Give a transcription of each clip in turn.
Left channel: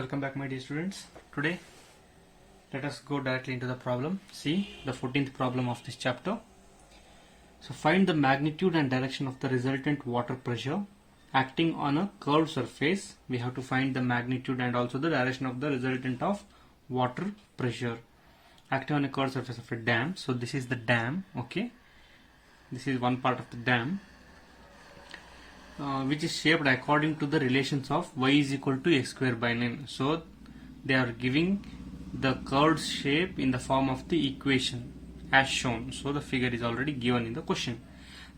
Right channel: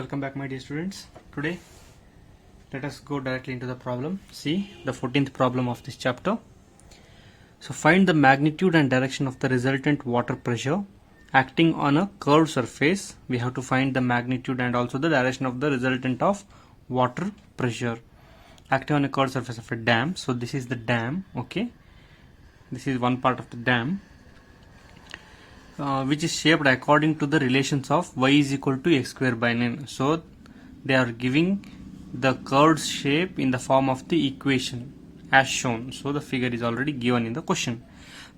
Welcome back, my dear students. Today let us go directly into the problem. See the 14th problem of this chapter. So find the magnitude and direction of the resultant water pressure acting on a curved surface. We have to find the magnitude and also the direction of the resultant of water pressure acting on a curved surface of a dam. So this is the dam. Okay, this is one part of the dam, which is shaped according to the relations of y is equal to x square by 9. So they are giving the curved shape in the form of the equation as shown. So the figure is already given in the question.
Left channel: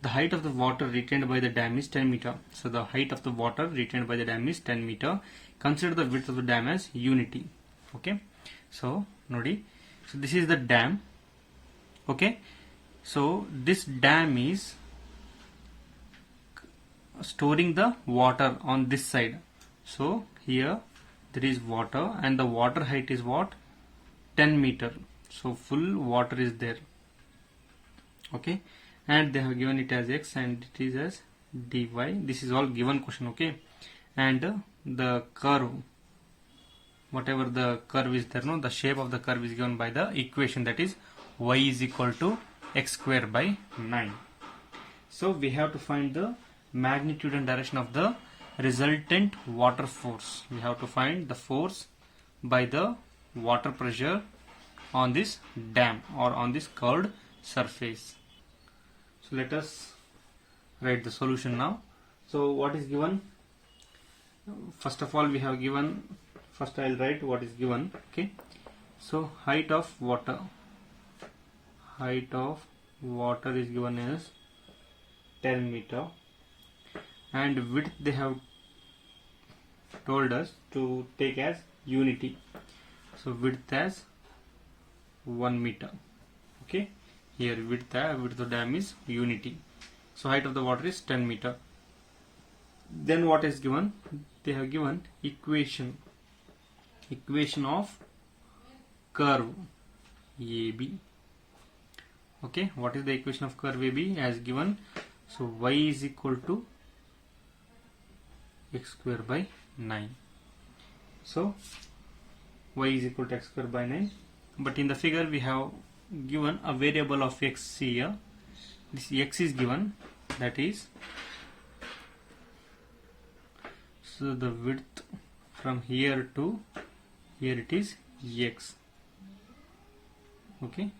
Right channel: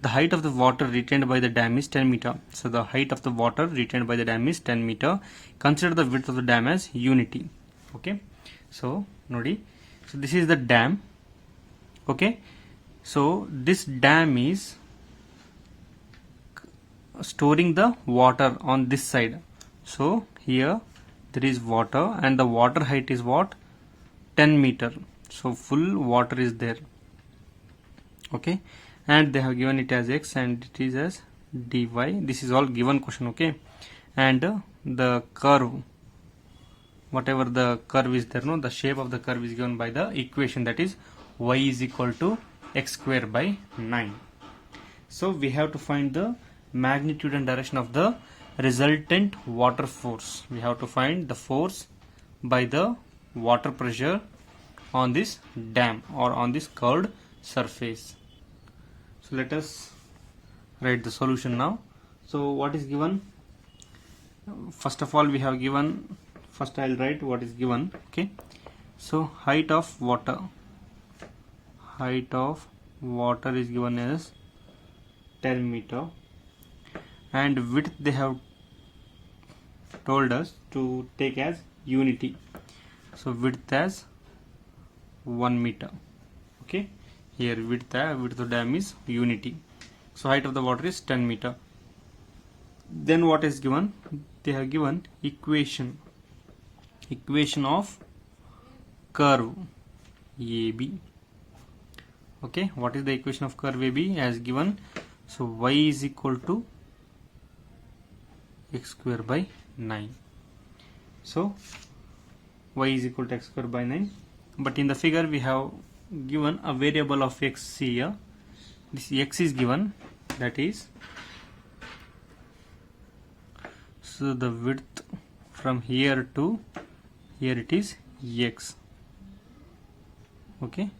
The height of the water retained by the dam is 10 meter. So the height of the water retained by the dam is 10 meter. Consider the width of the dam as unity. Okay, so nodi. So this is the dam. Okay, so this dam is storing the water on this side. So here there is water and the water height is what? 10 meter. So full water is there. Okay, and they have given it as x and it is as dy. This is all given question. Okay, and the curve, whatever the curve is there, no, the shape of the curve is given by the equation, that is y is equal to x square by 9. So we have to find the magnitude and direction of the resultant water force. We have to find the force by the water pressure on this dam or on this curved surface. So let us write the solution now. So what is given? First of all, we have given, first I will write what is given. Okay, so height of water is given as 10 meter, and width they have told us to take as unity. So width as 1 meter. Okay, here width of the dam is unity. So height of the water is 10 meter. Then what is given? They have given equation of curve AB. Okay, what is the equation of curve AB as given? So y is equal to x square by 9. So y is equal to x square by 9. But in the figure we have given a variable of x here. This x is given, that is, so the width from here to here it is x. Okay,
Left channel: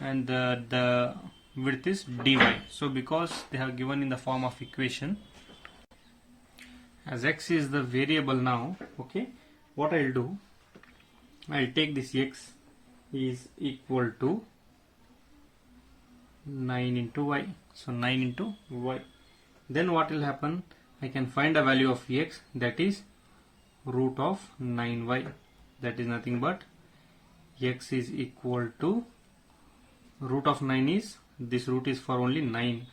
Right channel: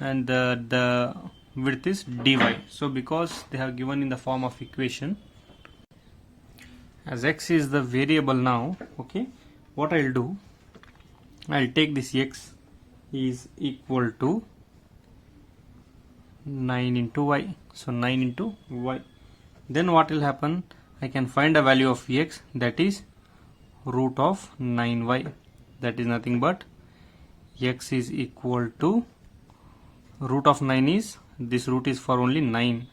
and the width is dy. So because they have given in the form of equation, as x is the variable now, okay, what I'll do, I'll take this x is equal to 9 into y. So 9 into y. Then what will happen? I can find a value of x, that is root of 9y. That is nothing but x is equal to root of 9 is, this root is for only 9.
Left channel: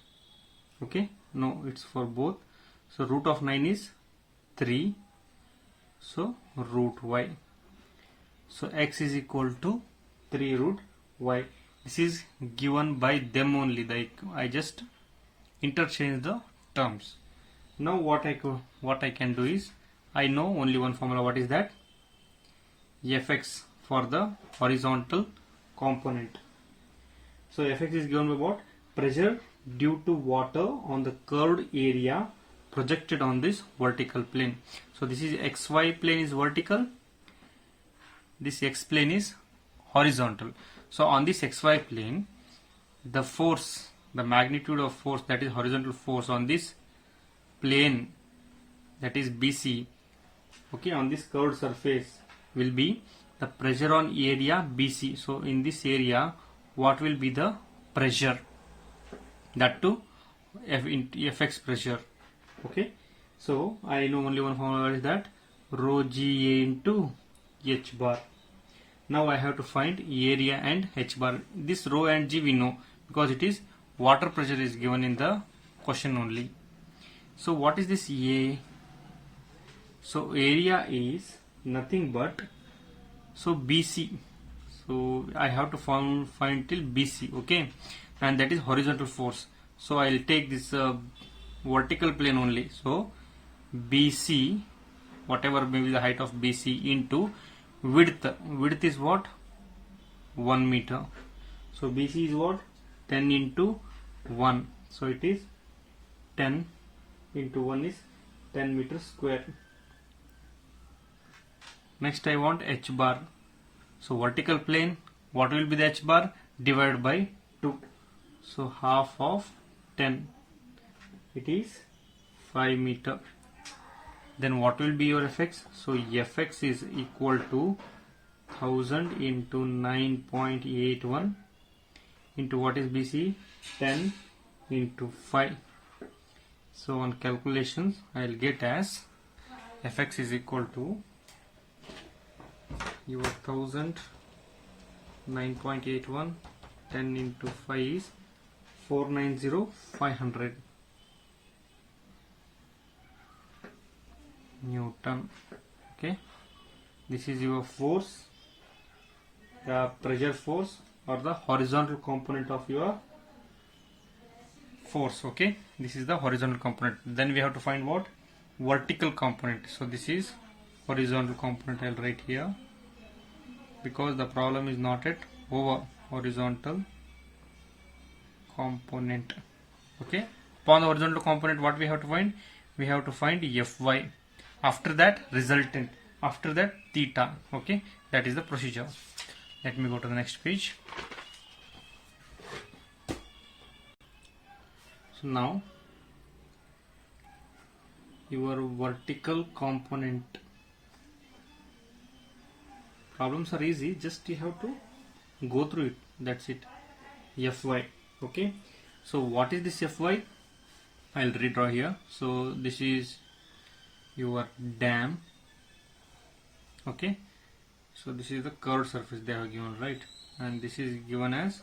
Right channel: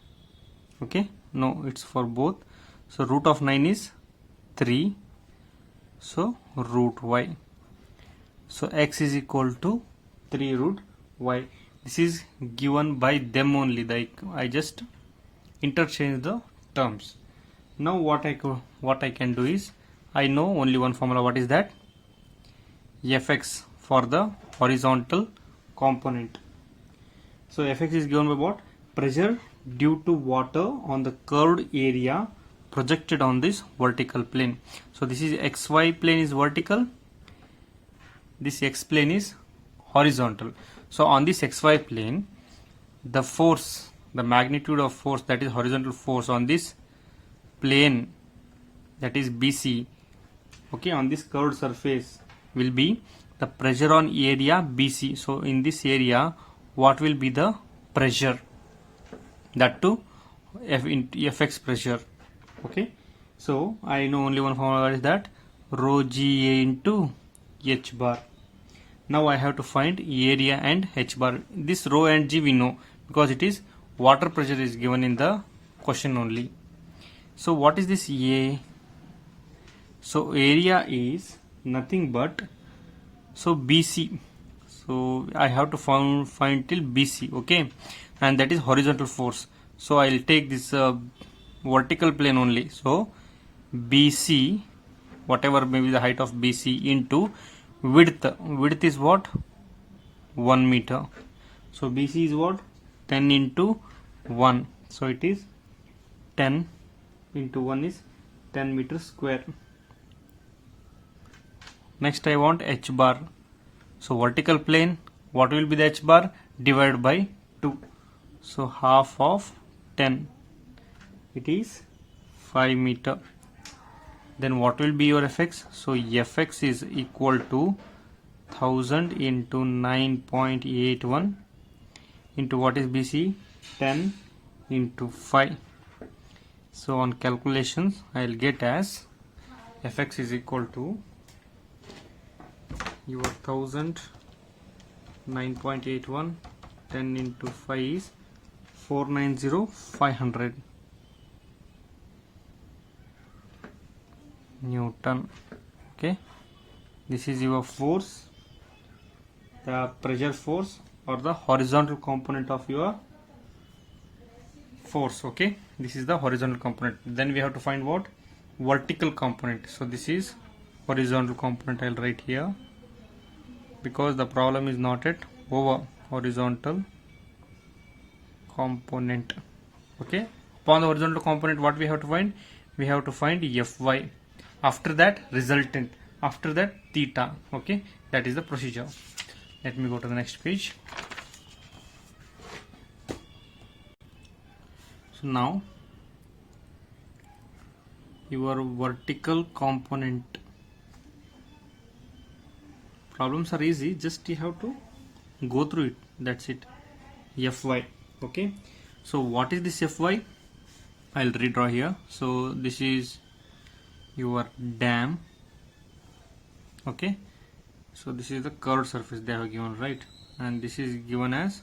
Okay, no, it's for both. So root of 9 is 3. So root y. So x is equal to 3 root y. This is given by them only. Like I just interchange the terms. Now what I can do is, I know only one formula. What is that? Fx for the horizontal component. So Fx is given by what? Pressure due to water on the curved area projected on this vertical plane. So this is xy plane is vertical, this x plane is horizontal. So on this xy plane, the force, the magnitude of force, that is horizontal force on this plane, that is BC, okay, on this curved surface will be the pressure on area BC. So in this area, what will be the pressure? That too Fx pressure. Okay, so I know only one formula, what is that? Rho Ga into h bar. Now I have to find area and h bar. This rho and g we know because it is water pressure is given in the question only. So what is this A? So area is nothing but, so BC. So I have to find till BC. Okay, and that is horizontal force. So I will take this vertical plane only. So BC whatever may be the height of BC into width. Width is what? 1 meter. So BC is what? 10 into 1. So it is 10 into 1 is 10 meters square. Next I want h bar. So vertical plane, what will be the h bar? Divided by 2. So half of 10. It is 5 meter. Then what will be your fx? So fx is equal to 1000 into 9.81 into what is BC? 10 into 5. So on calculations I will get as fx is equal to your 1000 9.81 10 into 5 is 490,500 Newton. Okay, this is your force, the pressure force or the horizontal component of your force. Okay, this is the horizontal component. Then we have to find what? Vertical component. So this is horizontal component. I'll write here because the problem is not at over horizontal component. Okay, upon the horizontal component, what we have to find? We have to find Fy. After that, resultant. After that, theta. Okay, that is the procedure. Let me go to the next page. So now your vertical component problems are easy, just you have to go through it, that's it. Fy. Okay, so what is this Fy? I'll redraw here. So this is your dam. Okay, so this is the curved surface they have given, right? And this is given as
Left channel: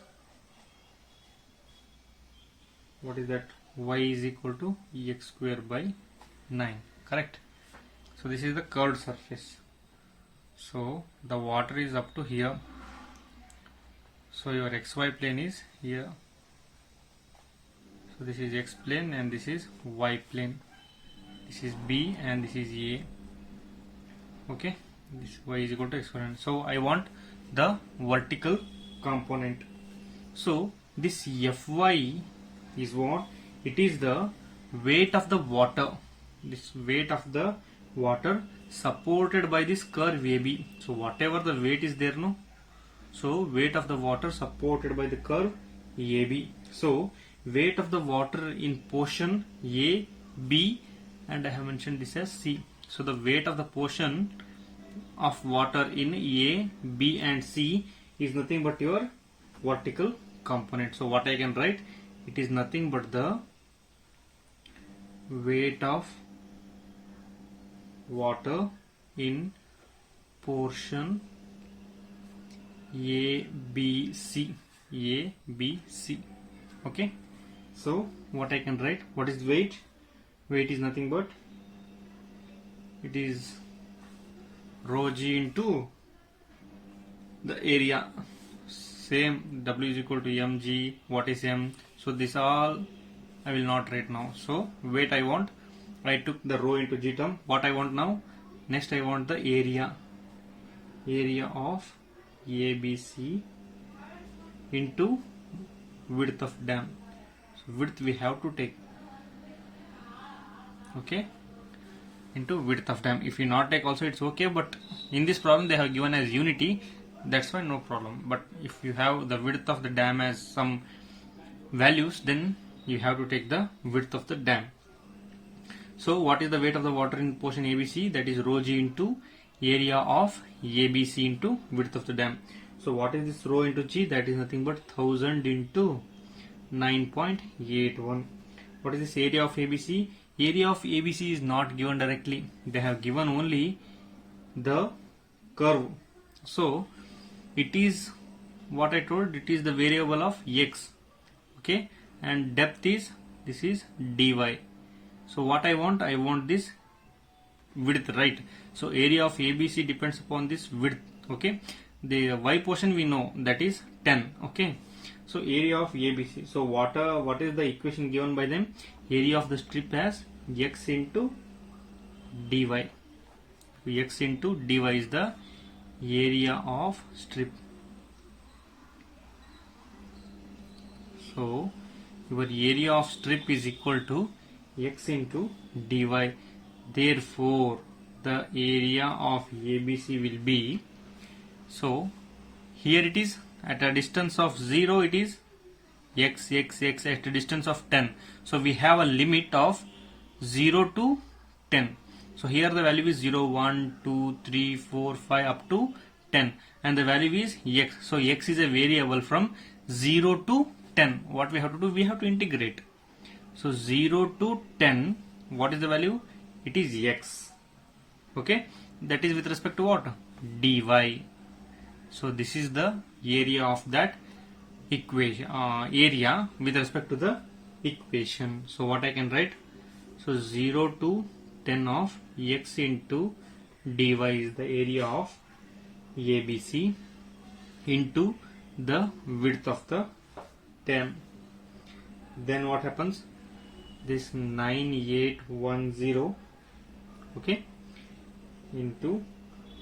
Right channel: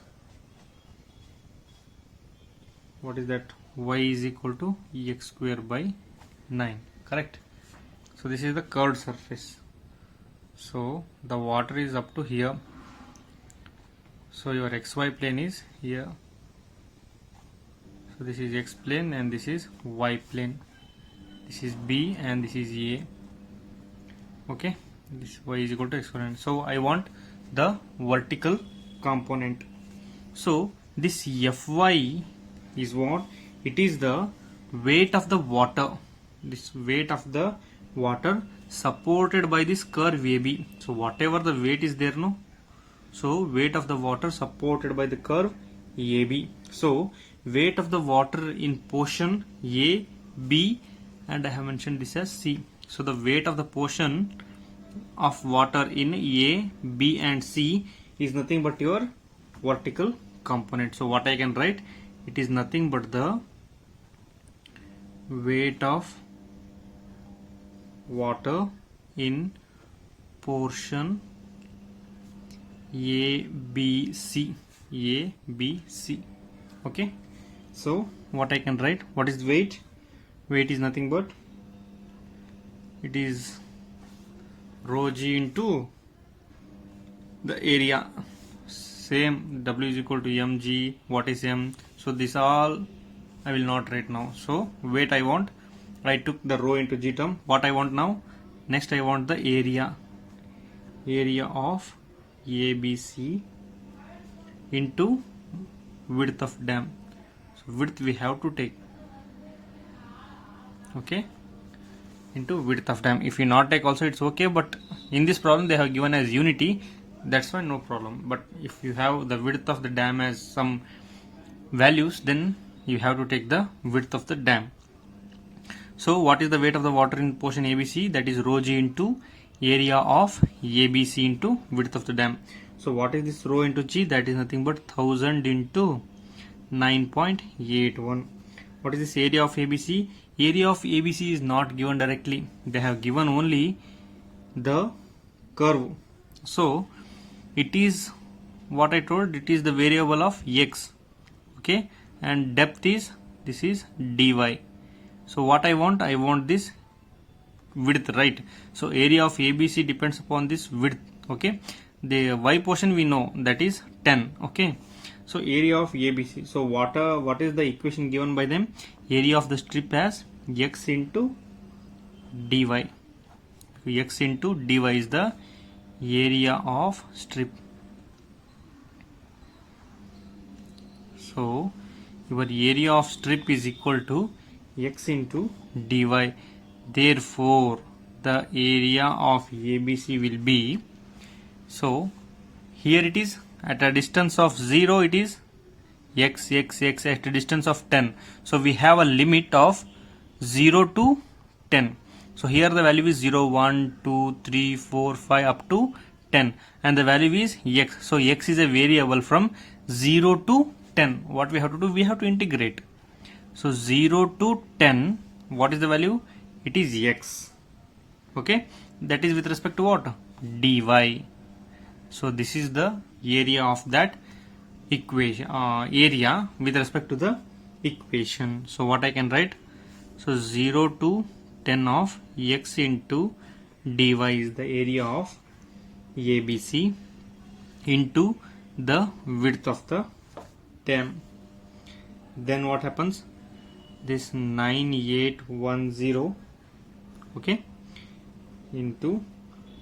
what is that? Y is equal to x square by 9, correct? So this is the curved surface. So the water is up to here. So your xy plane is here. So this is x plane and this is y plane. This is B and this is A. Okay, this y is equal to x square. So I want the vertical component. So this Fy is what? It is the weight of the water. This weight of the water supported by this curve AB. So whatever the weight is there, no? So weight of the water supported by the curve AB. So weight of the water in portion A, B, and I have mentioned this as C. So the weight of the portion of water in A, B and C is nothing but your vertical component. So what I can write? It is nothing but the weight of water in portion A, B, C. A, B, C. Okay. So what I can write? What is weight? Weight is nothing but it is rho g into the area. Same, W is equal to mg. What is m? So this all I will not write now. So weight I want. I took the rho into g term. What I want now? Next I want the area. Area of ABC into width of dam. So width we have to take. Okay, into width of dam. If you not take also it's okay, but in this problem they have given as unity, that's why no problem. But if you have the width of the dam as some values, then you have to take the width of the dam. So what is the weight of the water in portion ABC? That is rho g into area of ABC into width of the dam. So what is this rho into g? That is nothing but 1000 into 9.81. What is this area of ABC? Area of ABC is not given directly. They have given only the curve. So it is what I told, it is the variable of x. Okay, and depth is, this is dy. So what I want this width, right? So area of ABC depends upon this width. Okay, the y portion we know, that is 10. Okay, so area of ABC. So what is the equation given by them? Area of the strip as x into dy. x into dy is the area of strip. So your area of strip is equal to x into dy. Therefore the area of ABC will be, so here it is at a distance of 0, it is x at a distance of 10. So we have a limit of 0 to 10. So here the value is 0, 1, 2, 3, 4, 5 up to 10, and the value is x. So x is a variable from 0 to 10. What we have to do? We have to integrate. So 0 to 10, what is the value? It is x. Okay, that is with respect to what? Dy. So this is the area of that equation, area with respect to the equation. So what I can write? So 0 to 10 of x into dy is the area of ABC into the width of the 10. Then what happens? This 9810, okay, into,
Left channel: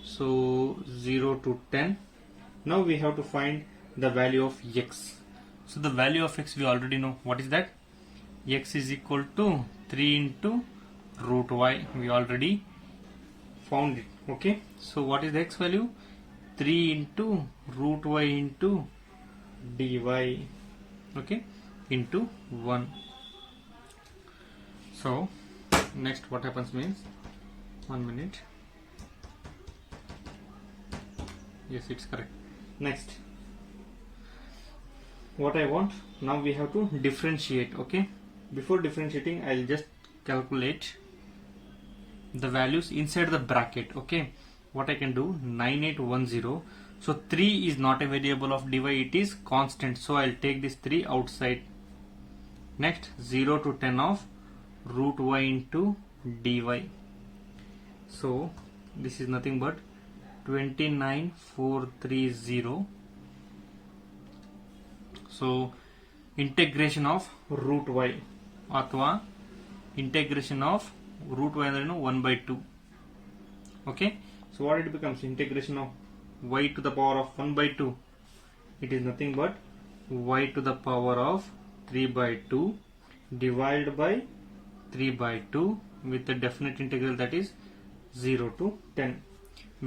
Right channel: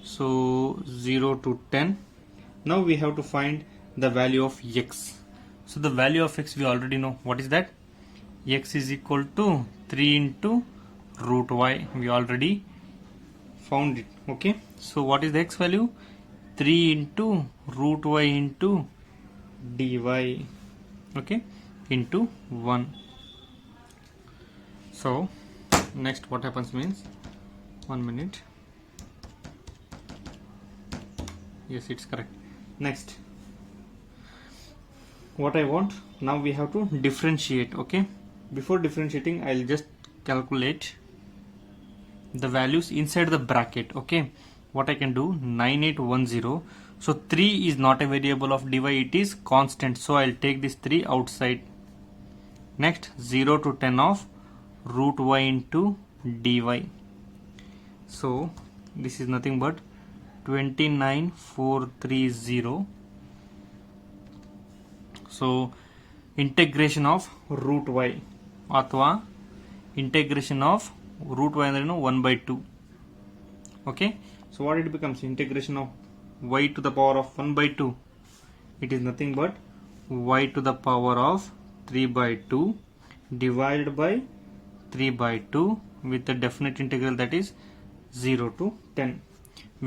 so 0 to 10. Now we have to find the value of x. So the value of x we already know. What is that? X is equal to 3 into root y. We already found it. Okay. So what is the x value? 3 into root y into dy. Okay. Into 1. So next what happens means, 1 minute. Yes, it's correct. Next, what I want, now we have to differentiate. Okay, before differentiating I'll just calculate the values inside the bracket. Okay, what I can do, 9810, so 3 is not a variable of dy, it is constant, so I'll take this 3 outside. Next, 0 to 10 of root y into dy, so this is nothing but 29430. So integration of root y ಅಥವಾ integration of root y ಅಂದ್ರೆ 1/2. Okay, so what it becomes? Integration of y to the power of 1/2, it is nothing but y to the power of 3/2 divided by 3/2 with the definite integral, that is 0 to 10.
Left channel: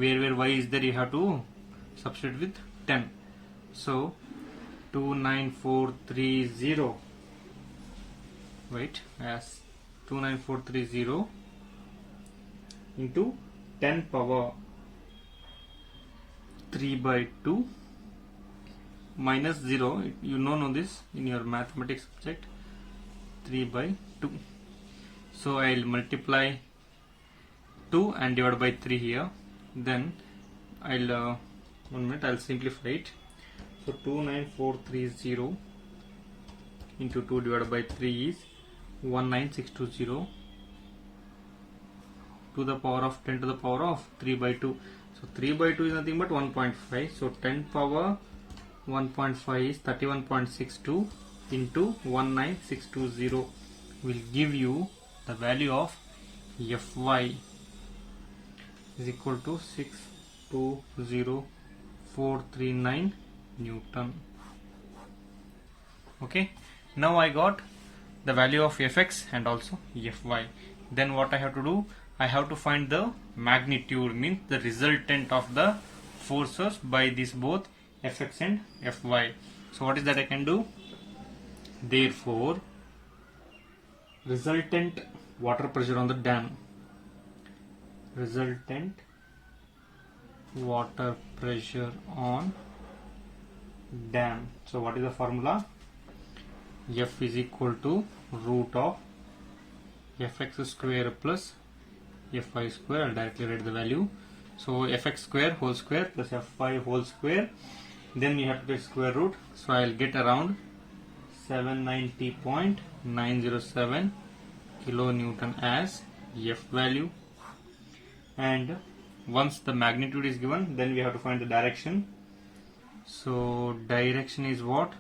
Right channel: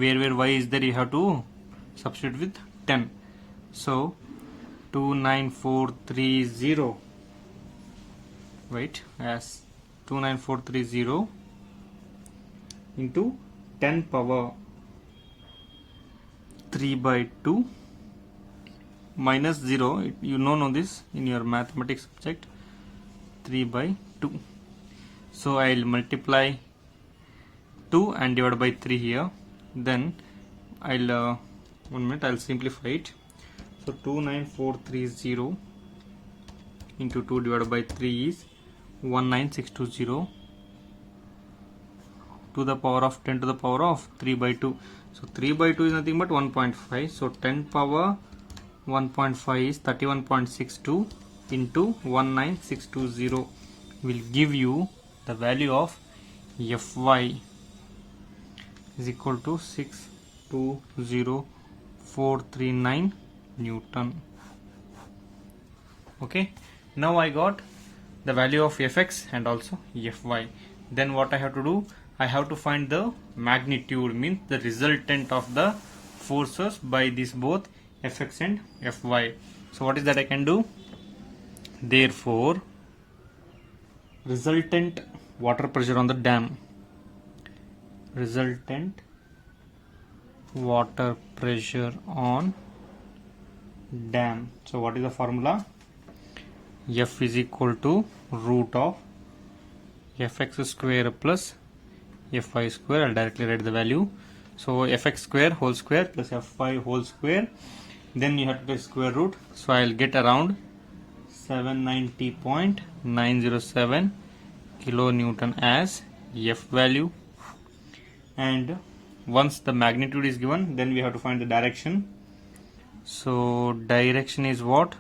Where y is there, you have to substitute with 10. So 29430, wait, as 29430 into 10 power 3/2 minus 0, you know this in your mathematics subject, 3/2. So I will multiply 2 and divide by 3 here. Then I'll 1 minute, I'll simplify it. So 29430 into 2 divided by 3 is 19620 to the power of 10 to the power of 3/2. So 3/2 is nothing but 1.5. So 10 power 1.5 is 31.62 into 19620 will give you the value of Fy is equal to 6,20439 Newton. Okay, now I got the value of Fx and also Fy. Then what I have to do, I have to find the magnitude, means the resultant of the forces by these both Fx and Fy. So what is that I can do? Therefore, resultant water pressure on the dam, resultant water pressure on dam. So what is the formula? F is equal to root of Fx square plus Fy square. I'll directly write the value. So Fx square whole square plus Fy whole square. Then you have to take square root. So I'll get around 790.907 kilonewton as F value. And once the magnitude is given, then we have to find the direction. So direction is what?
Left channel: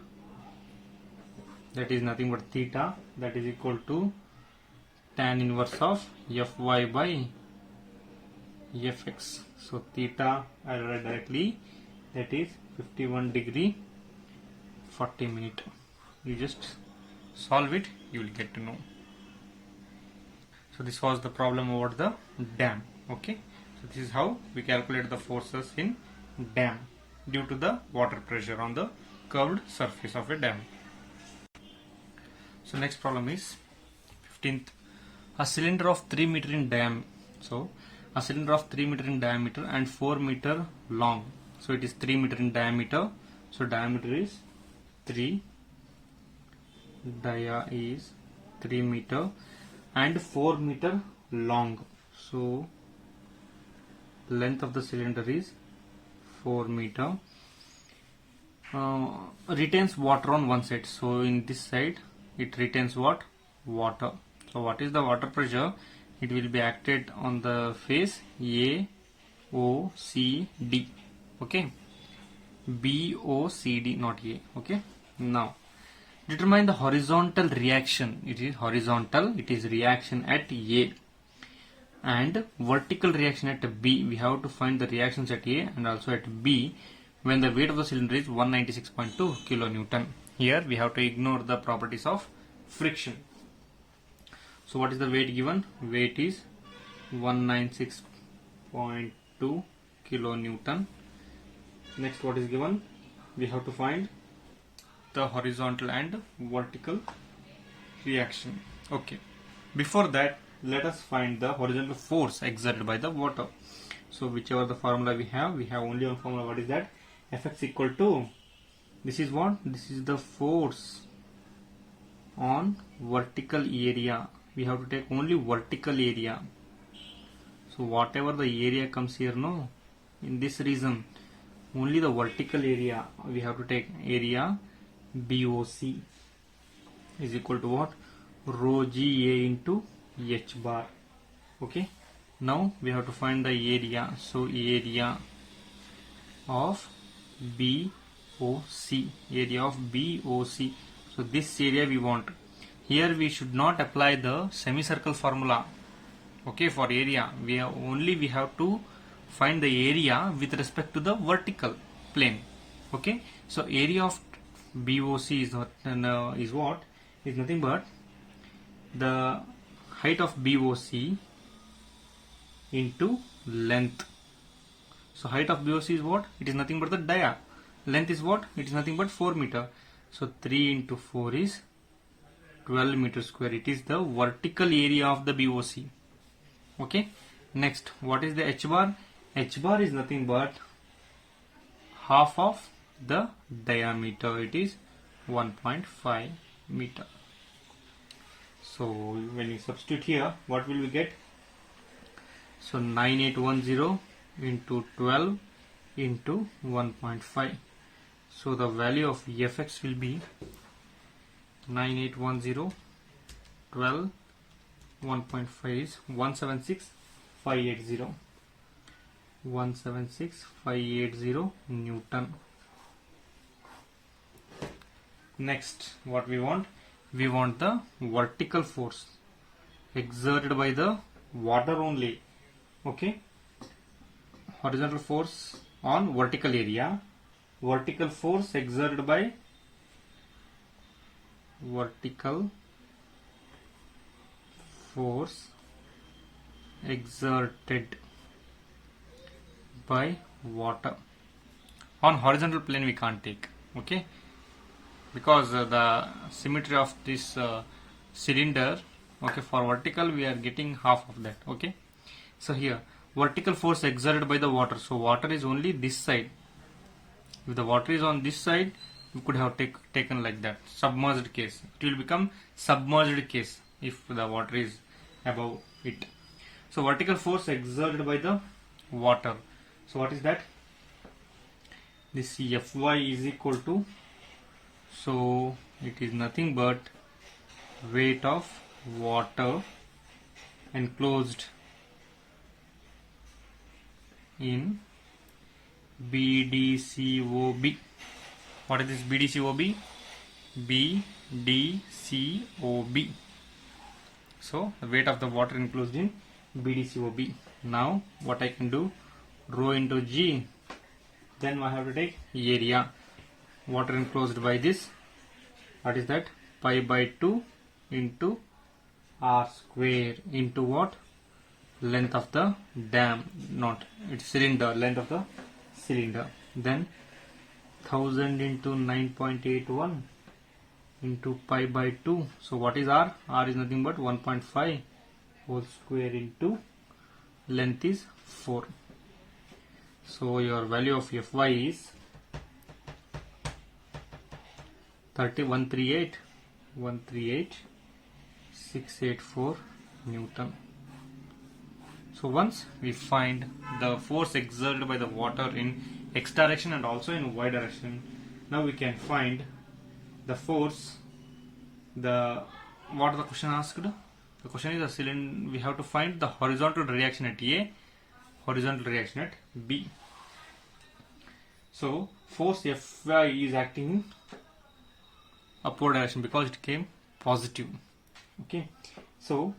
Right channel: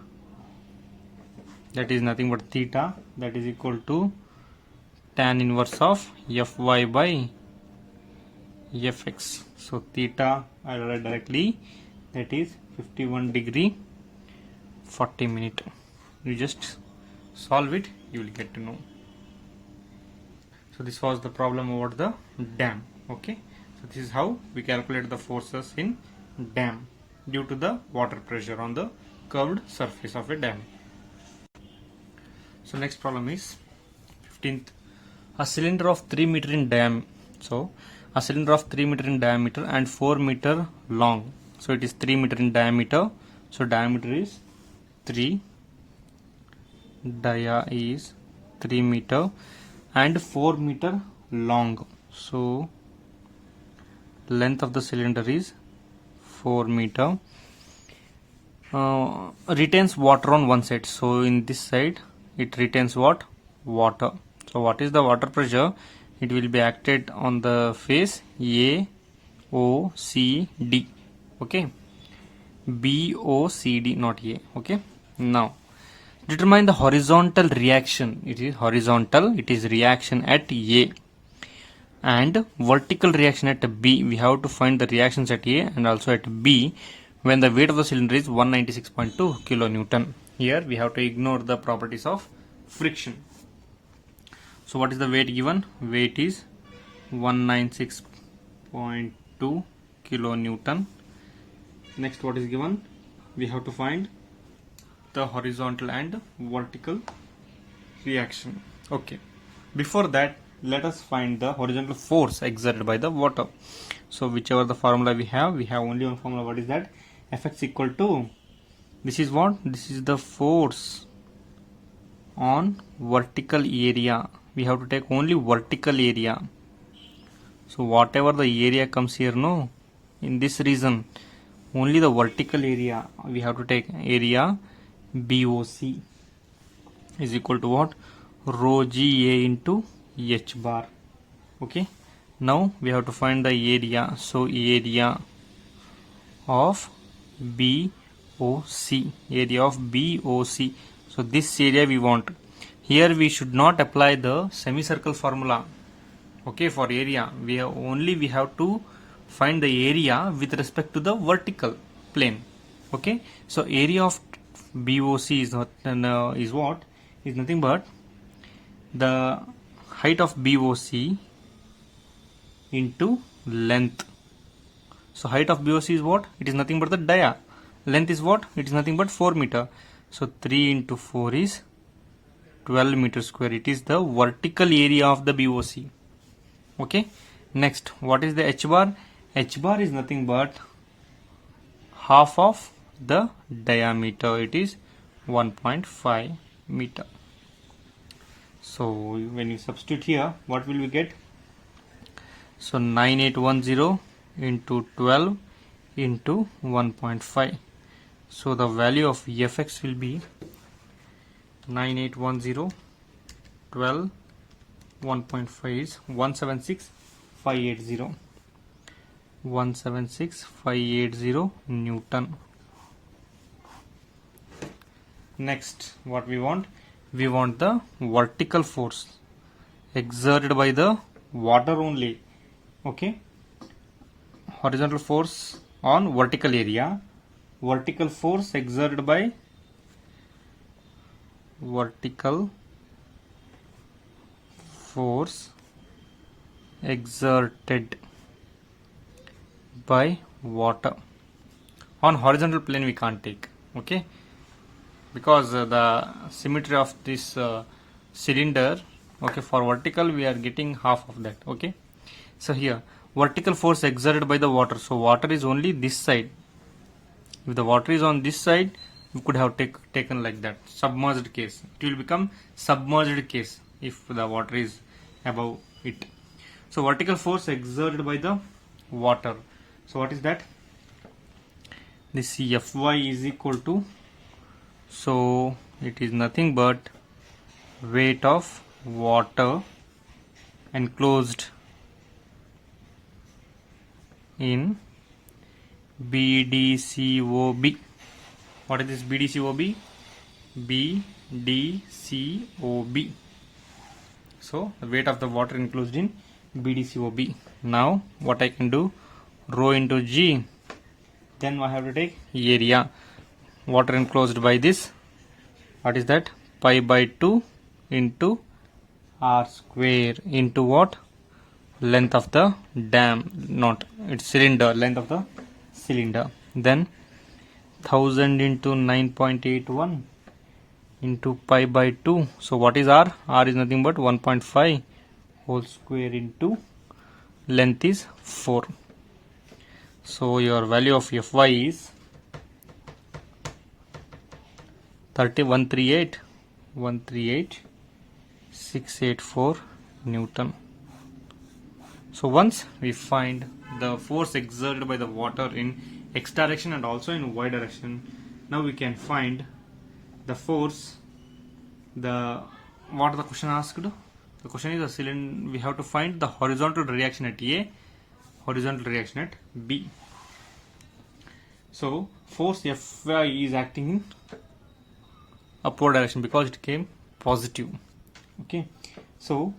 That is nothing but theta, that is equal to tan inverse of Fy by Fx. So theta I write directly, that is 51 degree 40 minute. You just solve it, you will get to know. So this was the problem about the dam. Okay, so this is how we calculate the forces in dam due to the water pressure on the curved surface of a dam. So next problem is 15th. A cylinder of 3 meter in diameter. So a cylinder of 3 meter in diameter and 4 meter long. So it is 3 meter in diameter. So diameter is 3. Dia is 3 meter and 4 meter long. So length of the cylinder is 4 meter. Retains water on one side. So in this side it retains what? Water. So what is the water pressure? It will be acted on the face A, O, C, D. Okay. B, O, C, D, not A. Okay. Now determine the horizontal reaction. It is horizontal. It is reaction at A. And vertical reaction at B. We have to find the reactions at A and also at B when the weight of the cylinder is 196.2 kilonewton. Here we have to ignore the properties of friction. So what is the weight given? Weight is 196.2 kilonewton. Next, what is given? We have to find the horizontal and vertical reaction. Okay. Before that, let us find the horizontal force exerted by the water. So whichever the formula we have only one formula. What is that? Fx equal to, this is what? This is the force on vertical area. We have to take only vertical area. So whatever the area comes here, no, in this region, only the vertical area we have to take. Area BOC is equal to what? Rho GA into H bar. Okay. Now we have to find the area. So area of BOC. Area of BOC. So this area we want. Here we should not apply the semicircle formula. Okay, for area we have to find the area with respect to the vertical plane. Okay, so area of BOC is what? Is nothing but the height of BOC into length. So height of BOC is what? It is nothing but the dia. Length is what? It is nothing but 4 meter. So 3 into 4 is 12 meter square. It is the vertical area of the BOC. Okay. Next, what is the H bar? H bar is nothing but half of the diameter. It is 1.5 meter. So when you substitute here, what will we get? So 9810 into 12 into 1.5. So the value of Fx will be 9810 12 1.5 is 176580. 176580 Newton. Next, what we want? We want the vertical force exerted by the water only. Okay. Horizontal force on vertical area. Vertical force exerted by vertical force exerted by water. On horizontal plane we can't take. Okay. Because the symmetry of this cylinder, okay, for vertical we are getting half of that. Okay, so here vertical force exerted by the water. So water is only this side. If the water is on this side, we could have taken like that, submerged case. It will become submerged case if the water is above it. So vertical force exerted by the water. So what is that? This Fy is equal to, so it is nothing but weight of water enclosed in BDCOB. What is this BDCOB? BDCOB. So the weight of the water enclosed in BDCOB. Now what I can do, rho into G, then I have to take area, water enclosed by this, what is that, pi by 2 into r square into what, length of the dam, not it's cylinder, length of the cylinder, then 1000 into 9.81 into pi by 2. So what is r? R is nothing but 1.5 whole square into length is 4. So your value of Fy is 138,684 Newton. So once we find the force exerted by the water in x direction and also in y direction, now we can find the force. What the question asked? The question is the cylinder. We have to find the horizontal reaction at A, horizontal reaction at B. So force Fy is acting in upward direction because it came positive. Okay. So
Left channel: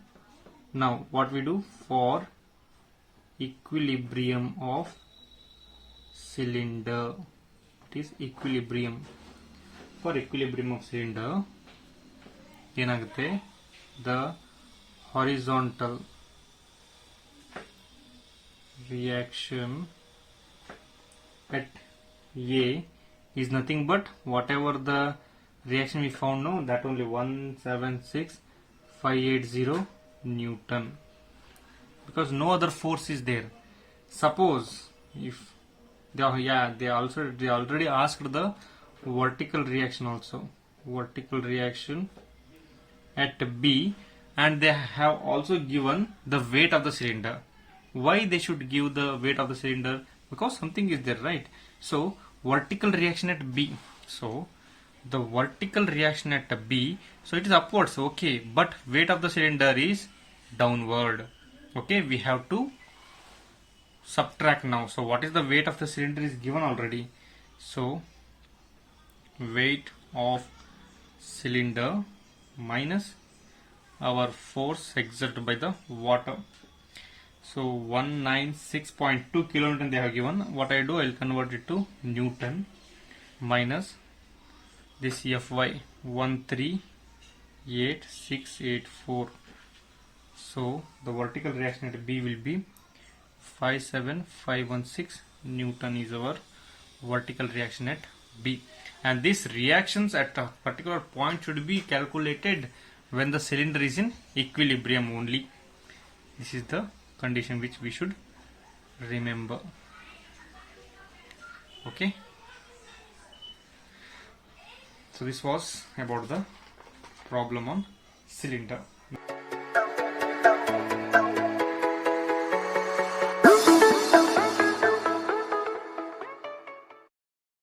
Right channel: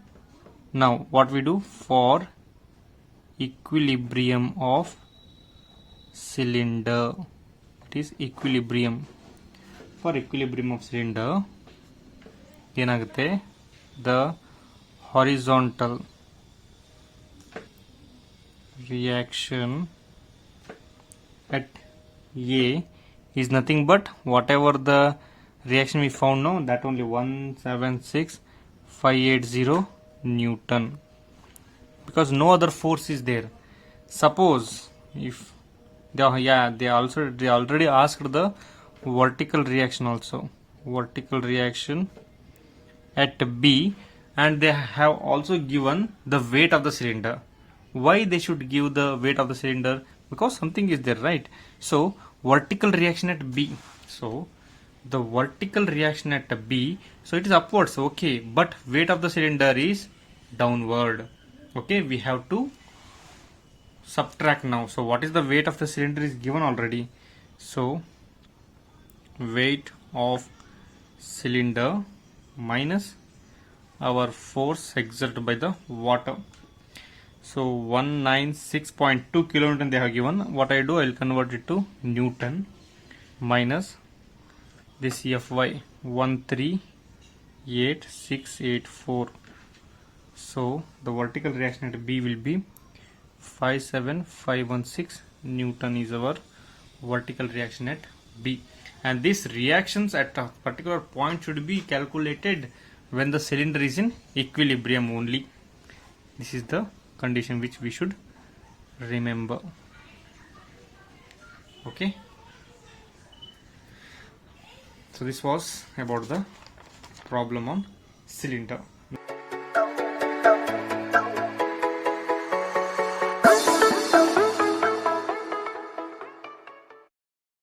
now what we do for equilibrium of cylinder, it is equilibrium. For equilibrium of cylinder ಏನಾಗುತ್ತೆ, the horizontal reaction at A is nothing but whatever the reaction we found now, that only 176,580 Newton, because no other force is there. Suppose if they already asked the vertical reaction also, vertical reaction at B, and they have also given the weight of the cylinder. Why they should give the weight of the cylinder? Because something is there, right? So vertical reaction at B, so the vertical reaction at B, so it is upwards, okay, but weight of the cylinder is downward. Okay, we have to subtract now. So what is the weight of the cylinder is given already. So weight of cylinder minus our force exerted by the water. So 196.2 kilonewton they have given. What I do, I will convert it to Newton minus this Fy 138,684. So the vertical reaction at B will be 57516 Newton is our vertical reaction at B. And these reactions at a particular point should be calculated when the cylinder is in equilibrium only. This is the condition which we should remember. Okay. So this was about the problem on cylinder.